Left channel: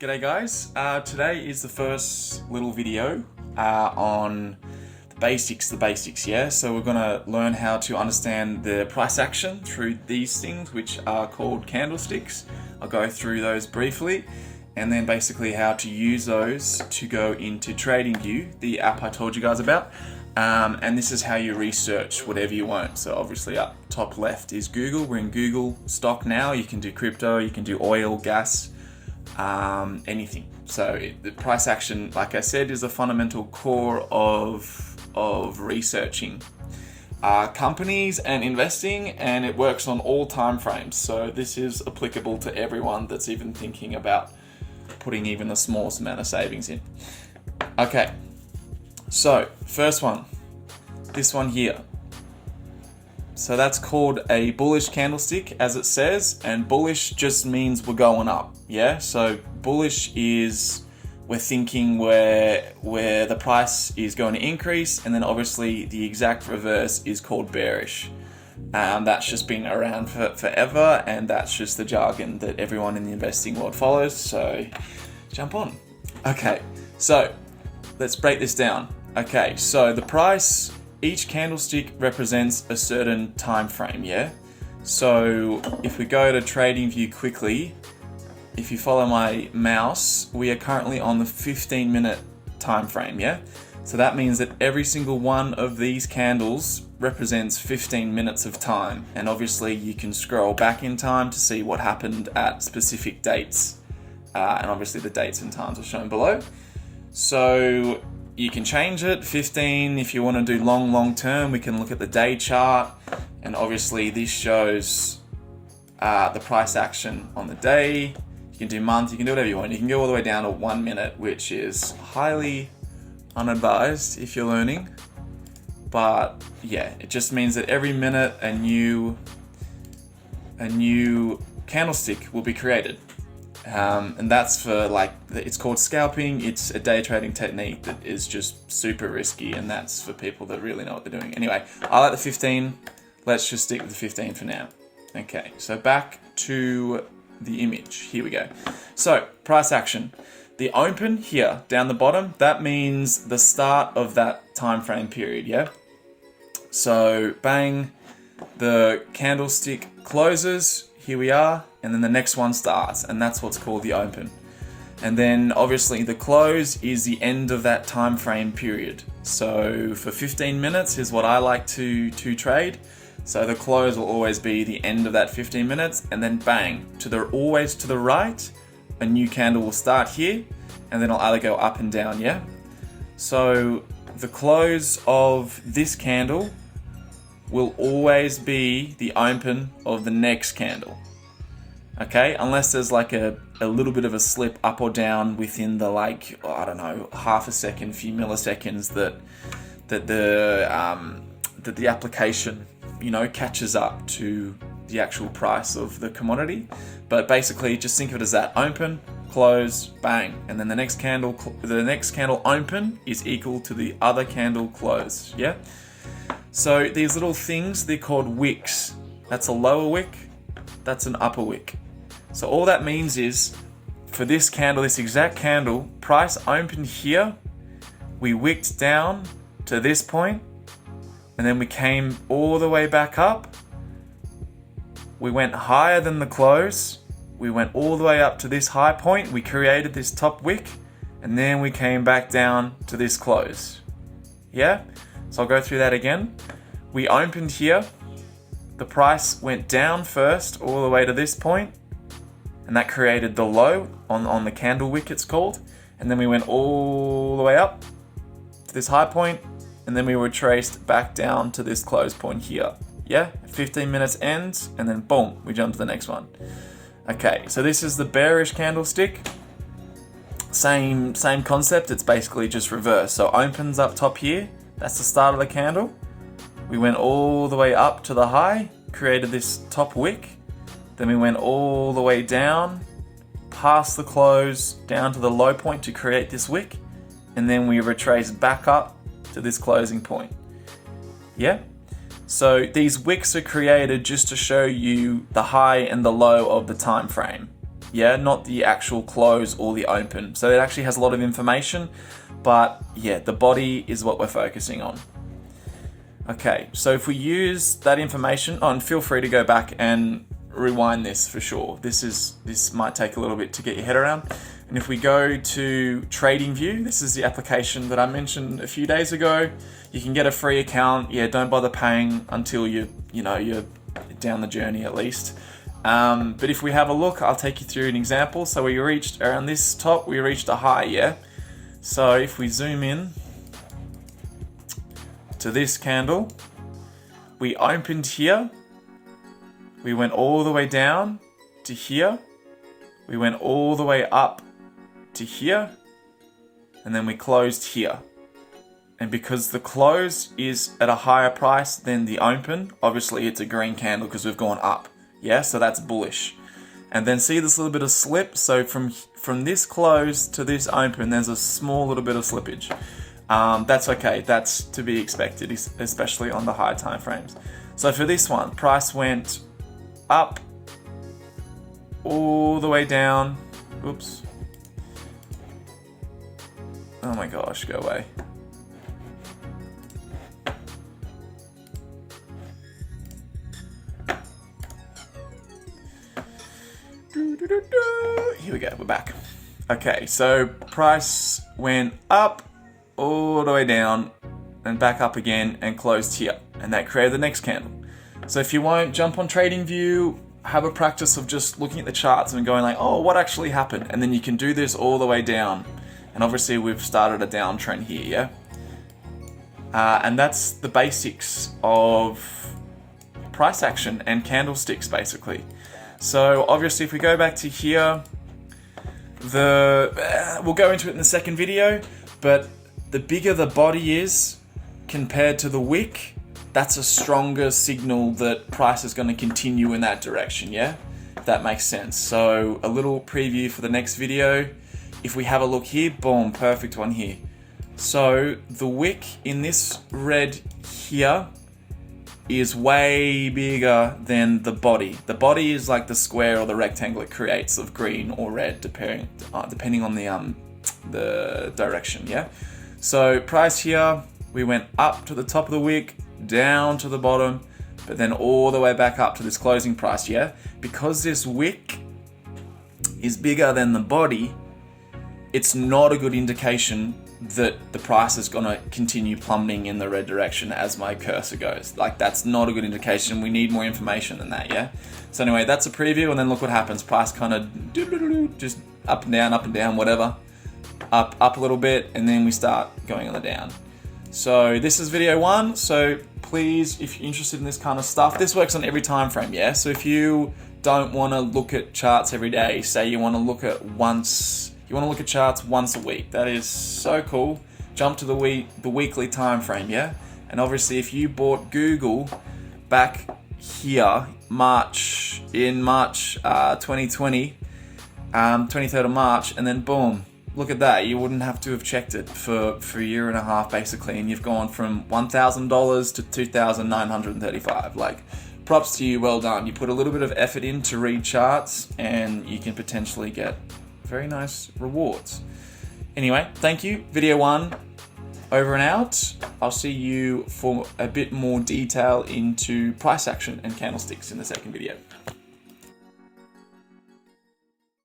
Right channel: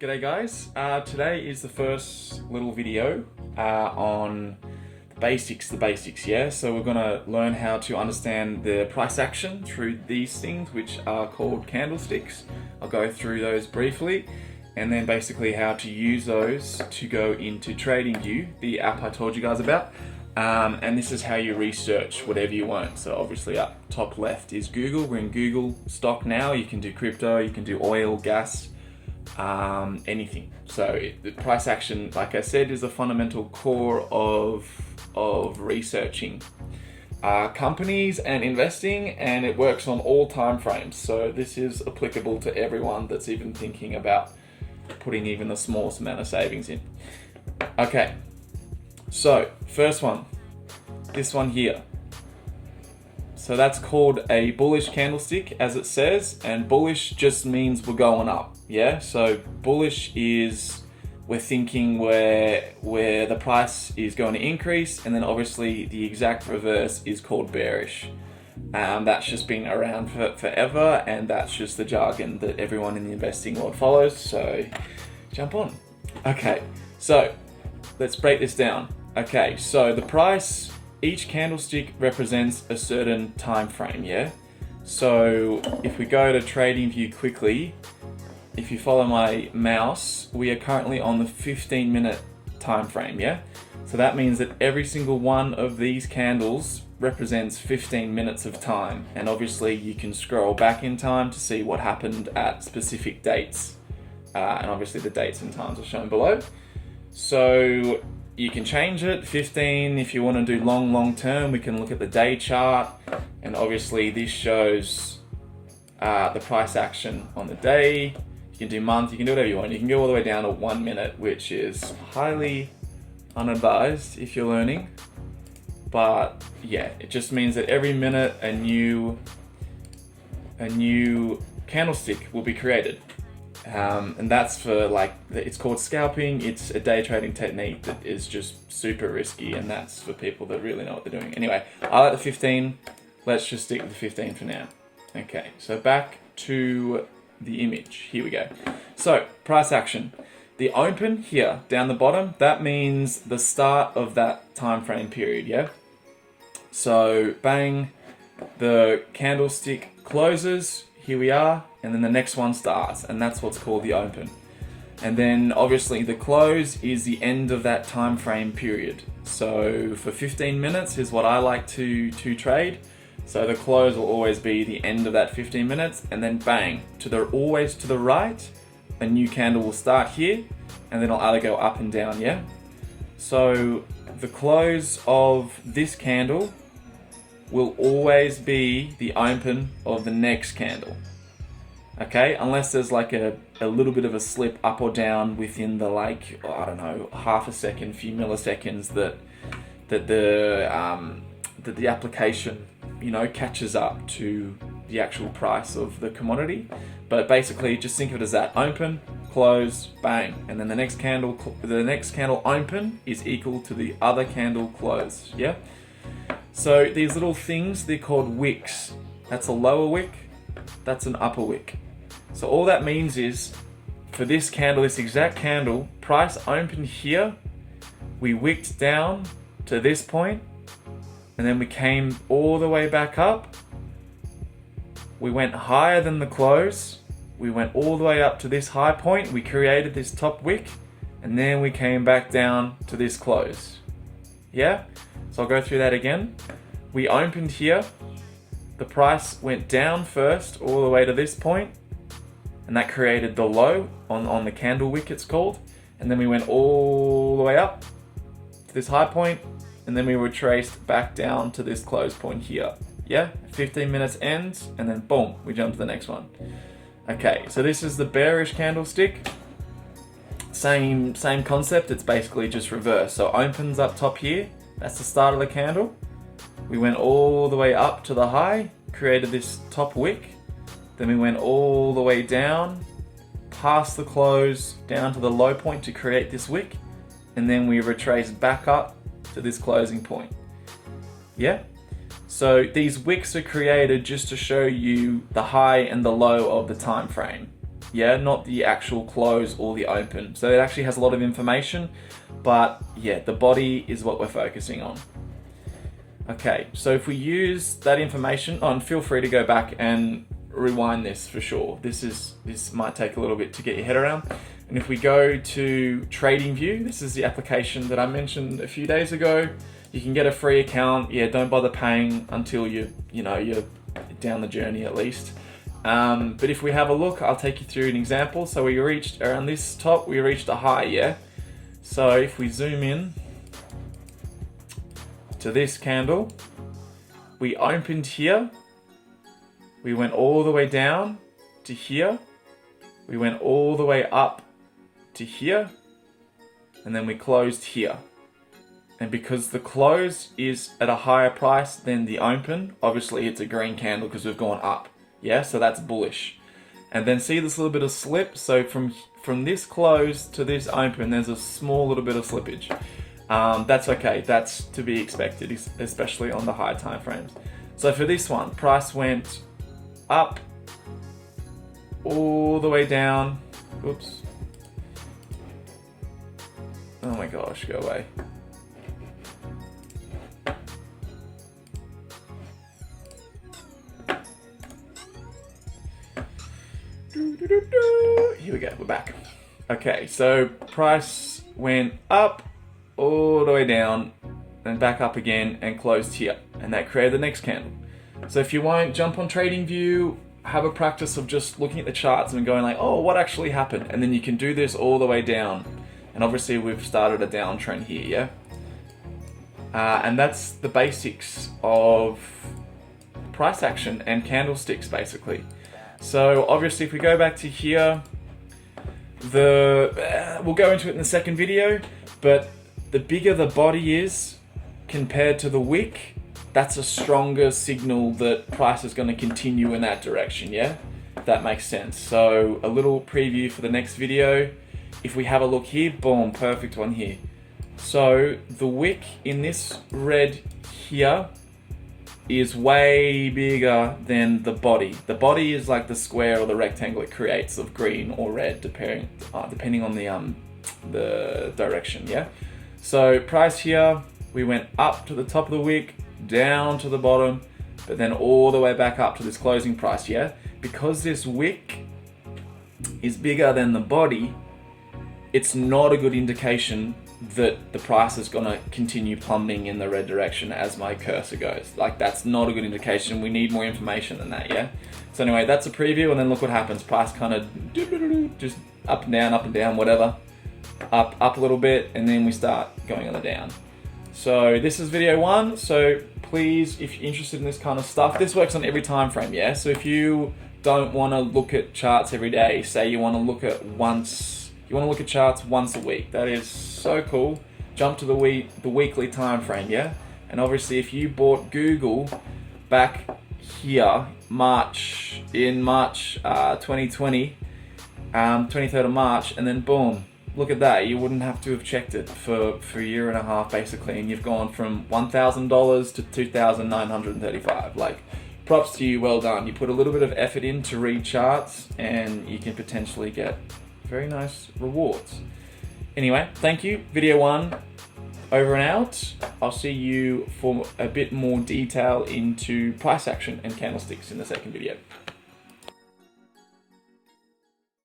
G'day guys, today is the first little video on the basics, yeah? So we're gonna learn how to understand the price action through these things, which are called candlesticks. I'll go through those briefly, and then basically how to use those to go into TradingView, the app I told you guys about. And this is how you research whatever you want. So obviously up top left is Google. We're in Google stock now. You can do crypto, you can do oil, gas, anything. So the price action, like I said, is a fundamental core of researching companies and investing, and it works on all time frames. So this is applicable to everyone that's even thinking about putting even the smallest amount of savings in. Okay, so first one, this one here. So that's called a bullish candlestick, as it says, and bullish just means we're going up, yeah? So bullish is we're thinking where the price is going to increase, and then obviously the exact reverse is called bearish. That's just been around forever, and that's just the jargon that everyone in the investing world follows, so jump on. Okay, so let's break this down. Okay, so the price, each candlestick represents a certain time frame, yeah? So if we go to TradingView quickly, if you follow my mouse, we are currently on the 15-minute time frame, yeah? So that means that every single one of these candles represents 15 minutes of time. And obviously you can scroll back in time to see what happened at specific dates. And obviously the dates and times are shown below. So you can change it, 15. If you want to do long term, we can look at the day chart. And obviously this shows the price action on the day. You can do month, you can do whatever you want. You can go all the way down to 1 minute, which is highly unadvised if you're learning. But yeah, it just means that every minute a new candlestick will be created. And that's for, like, it's called scalping. It's a day trading technique that is just super risky, and that's for people that really know what they're doing. Anyway, I like the 15. Let's just stick with the 15 for now. Okay, so back to the image. Here we go. So price action. The open here down the bottom, that means the start of that time frame period, yeah? So bang, the candlestick closes. Here we are, and then the next one starts, and that's what's called the open. And then obviously the close is the end of that time frame period. So for 15 minutes is what I like to trade. So the close will always be the end of that 15 minutes, and then bang, always to the right, a new candle will start here, and then it'll either go up and down, yeah? So the close of this candle will always be the open of the next candle. Okay, unless there's like a little bit of a slip up or down within the, like, I don't know, half a second, few milliseconds that the application, you know, catches up to the actual price of the commodity. But basically just think of it as that: open, close, bang, and then the next candle open is equal to the other candle close, yeah? So these little things, they're called wicks. That's a lower wick, that's an upper wick. So all that means is, for this candle, this exact candle, price opened here, we wicked down to this point, and then we came all the way back up. We went higher than the close, we went all the way up to this high point, we created this top wick, and then we came back down to this close. Yeah? So I'll go through that again. We opened here, the price went down first all the way to this point, and that created the low on the candle wick, it's called. And then we went all the way up to this high point, and then we retraced back down to this close point here. Yeah, 15 minutes ends, and then boom, we jump to the next one. Okay, so this is the bearish candlestick. Same concept, it's basically just reverse. So opens up top here, that's the start of the candle. We went all the way up to the high, created this top wick. Then we went all the way down, past the close, down to the low point to create this wick. And then we retraced back up to this closing point. Yeah? So these wicks are created just to show you the high and the low of the time frame. yeah, not the actual close or the open. So it actually has a lot of information, but yeah, the body is what we're focusing on. Okay, so if we use that information, and feel free to go back and rewind this for sure. This might take a little bit to get your head around. And if we go to TradingView, this is the application that I mentioned a few days ago. You can get a free account. Yeah, don't bother paying until you're down the journey at least. But if we have a look, I'll take you through an example. So we reached around this top, we reached a high, yeah? So if we zoom in to this candle, we opened here, we went all the way down to here, we went all the way up to here, and then we closed here. And because the close is at a higher price than the open, obviously it's a green candle because we've gone up. Yeah, so that's bullish. And then see this little bit of slip. So from this close to this open, there's a small little bit of slippage. That's okay. That's to be expected, especially on the high time frames. So for this one, price went up all the way down. Oops. Oh my gosh, go away. Here we go, we're back. Okay, so price went up all the way down and back up again and closed here, and that created the next candle. So if you won't, jump on TradingView, have a practice of just looking at the charts and going like, oh, what actually happened? And then you can do this all the way down. And obviously we've started a downtrend here, yeah? And that's the basics of price action and candlesticks, basically. So obviously if we go back to here, we'll go into it in the second video, but the bigger the body is compared to the wick, that's a stronger signal that price is going to continue in that direction, yeah? If that makes sense. So a little preview for the next video. If we have a look here, boom, perfect one here. So the wick in this red here is way bigger than the body. The body is like the square or the rectangle it creates of green or red, depending on the direction, yeah? So price here, we went up to the top of the wick, down to the bottom, but then all the way back up to this closing price, yeah? Because this wick is bigger than the body, it's not a good indication that the price is going to continue plummeting in the red direction as my cursor goes. Like, that's not a good indication. We need more information than that, yeah? So anyway, that's a preview, and then look what happens. Price kind of just up and down, whatever. Up a little bit, and then we start going on the down. So this is video 1. So please, if you're interested in this kind of stuff, this works on every time frame, yeah? So if you don't want to look at charts every day, say you want to look at charts once a week, that is so cool. Jump to the weekly time frame, yeah? And obviously if you bought Google back here, March 2020, 23rd of March, and then boom, look at that. You wouldn't have to have checked it for a year and a half basically, and you've gone from $1,000 to $2,935. Like, props to you, well done. You put a little bit of effort in to read charts, and you can potentially get very nice rewards. Anyway, thank you. Video 1 over and out. I'll see you for a bit more detail into price action and candlesticks in the second video.